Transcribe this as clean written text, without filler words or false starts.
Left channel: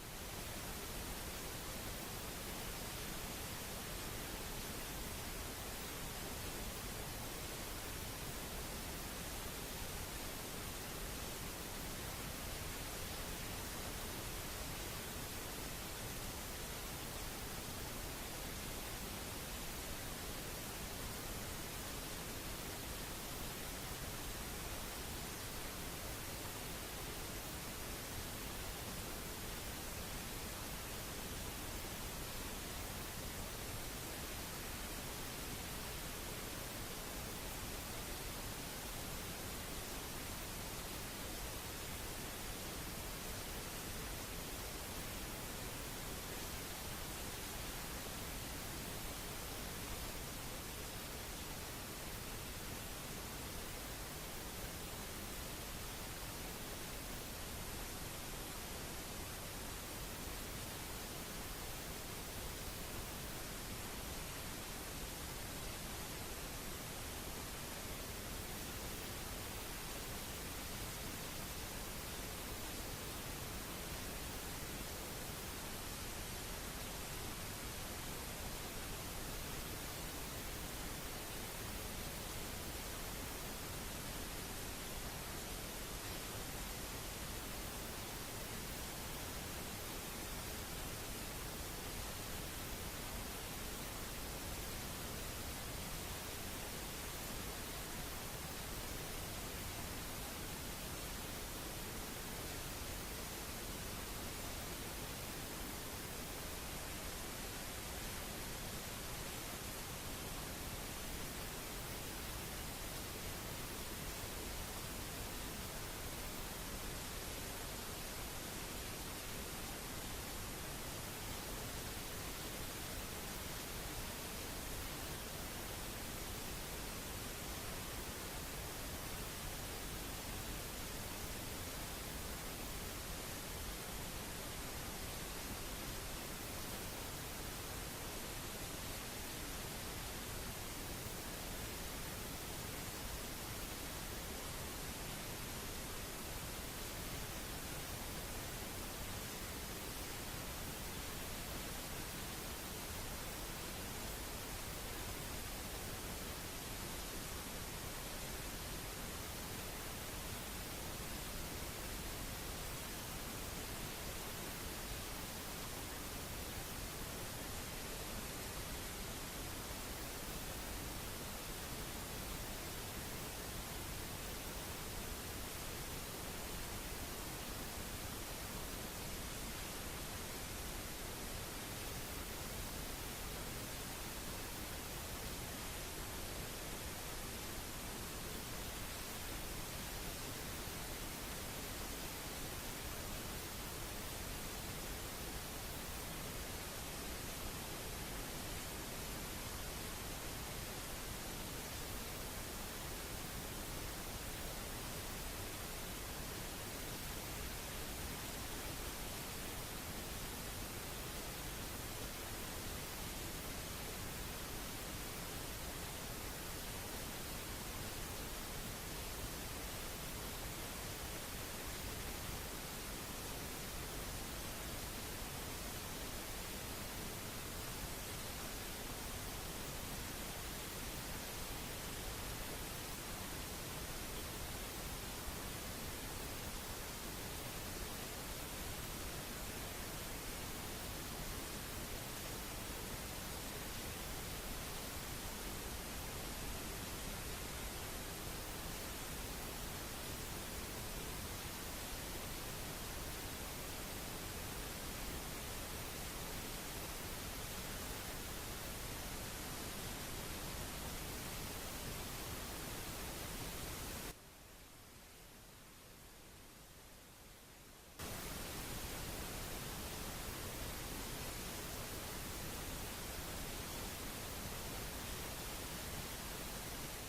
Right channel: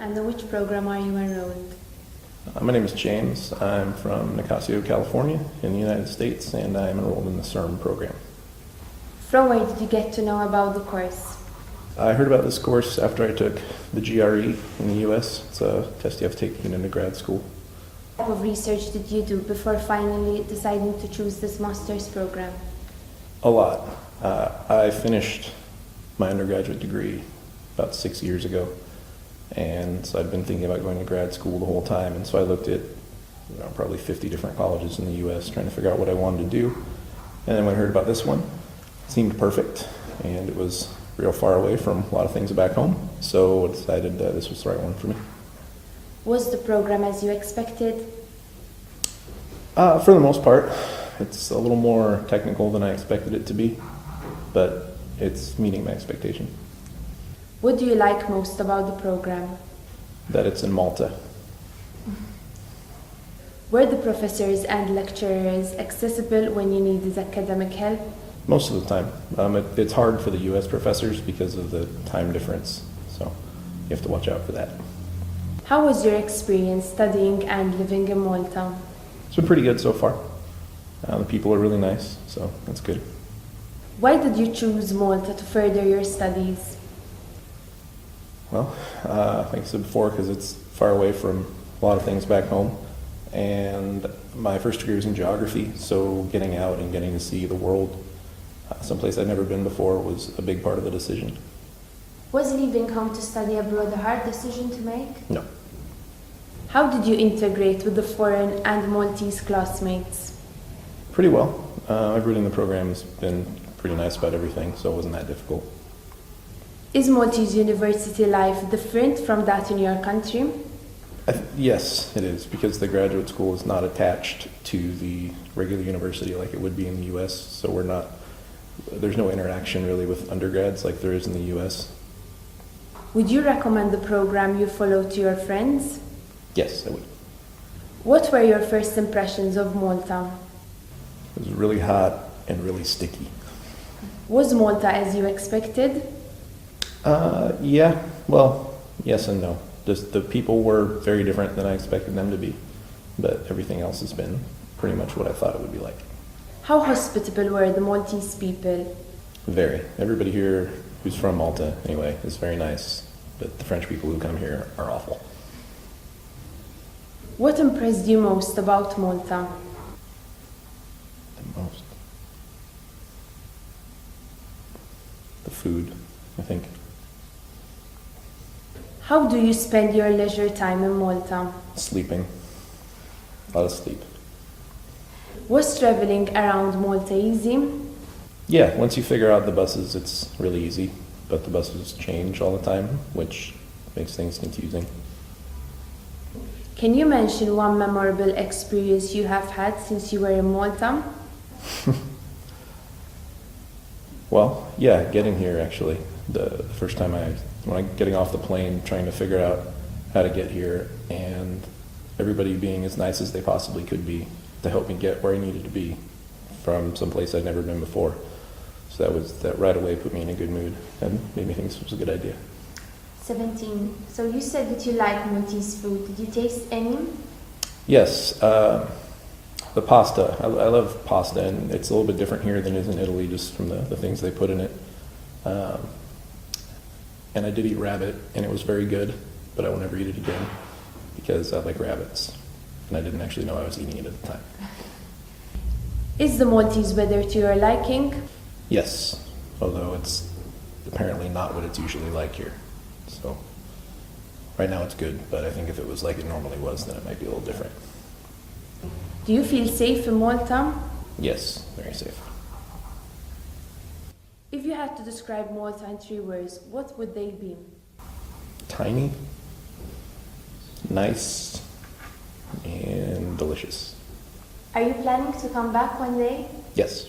and in which program are you enrolled? My name is James. I'm from Nicasio, California in the United States, and I'm enrolled in the CERN program. From where did you get to know about the course? I heard about this course after I took the GRE in the U.S. It's a test you have to take to get into grad school. What type of research did you do before finally deciding to choose this master's program? A lot. I finished my undergraduate degree about 6 years ago, and so I'd been thinking about going to grad school the whole time, and so I looked at probably 50 different colleges in the U.S. trying to figure out what I wanted to do. And then when I heard about this one, it seemed perfect, and it was real far away from a lot of things back home, so I decided that this was the right one for me. Was the program as you expected? For the most part. It's a little more technical than I expected it to be, but it's meeting my expectation. What do you like most about the program? That it's in Malta. Were the professors and lecturers accessible when you needed academic help? Most of the time. It's hard for the U.S. professors because of the time difference, so you have to watch out for that. How was your experience studying and living in Malta? It's been pretty good so far. The people are really nice, so that's good. Why did you choose Malta to further your studies? Well, like I said before, because it's far away from a lot of things back home. And my first degree was in geography, so getting out and getting to see the world, someplace I'd never been before, was a big part of the decision. Was leaving home to study abroad a hard decision to make? No. How did you integrate with the foreign and Maltese classmates? Pretty well. Everybody in the program has been pretty nice about everything, so it wasn't that difficult. Is Maltese university life different from that in your country? Yes, it is, because the graduate school is not attached to the regular university like it would be in the U.S., so there's no interaction really with undergrads like there is in the U.S. Would you recommend the program you follow to your friends? Yes, I would. What were your first impressions of Malta? It was really hot and really sticky. Was Malta as you expected? Yeah, well, yes and no. Just the people were very different than I expected them to be, but everything else has been pretty much what I thought it would be like. How hospitable were the Maltese people? Very. Everybody here who's from Malta, anyway, is very nice, but the French people who come here are awful. What impressed you most about Malta? The food, I think. How do you spend your leisure time in Malta? Sleeping. A lot of sleep. Was traveling around Malta easy? Yeah, once you figure out the buses, it's really easy, but the buses change all the time, which makes things confusing. Can you mention one memorable experience you have had since you were in Malta? Well, yeah, getting here actually. The first time getting off the plane, trying to figure out how to get here, and everybody being as nice as they possibly could be to help me get where I needed to be from someplace I'd never been before. So that right away put me in a good mood and made me think this was a good idea. 17. So you said that you like Maltese food. Did you taste any? Yes, the pasta. I love pasta, and it's a little bit different here than it is in Italy, just from the things they put in it. And I did eat rabbit, and it was very good, but I will never eat it again because I like rabbits, and I didn't actually know I was eating it at the time. Is the Maltese weather to your liking? Yes, although it's apparently not what it's usually like here. So right now it's good, but I think if it was like it normally was, then it might be a little different. Do you feel safe in Malta? Yes, very safe. If you had to describe Malta in 3 words, what would they be? Tiny, nice, and delicious. Are you planning to come back one day? Yes.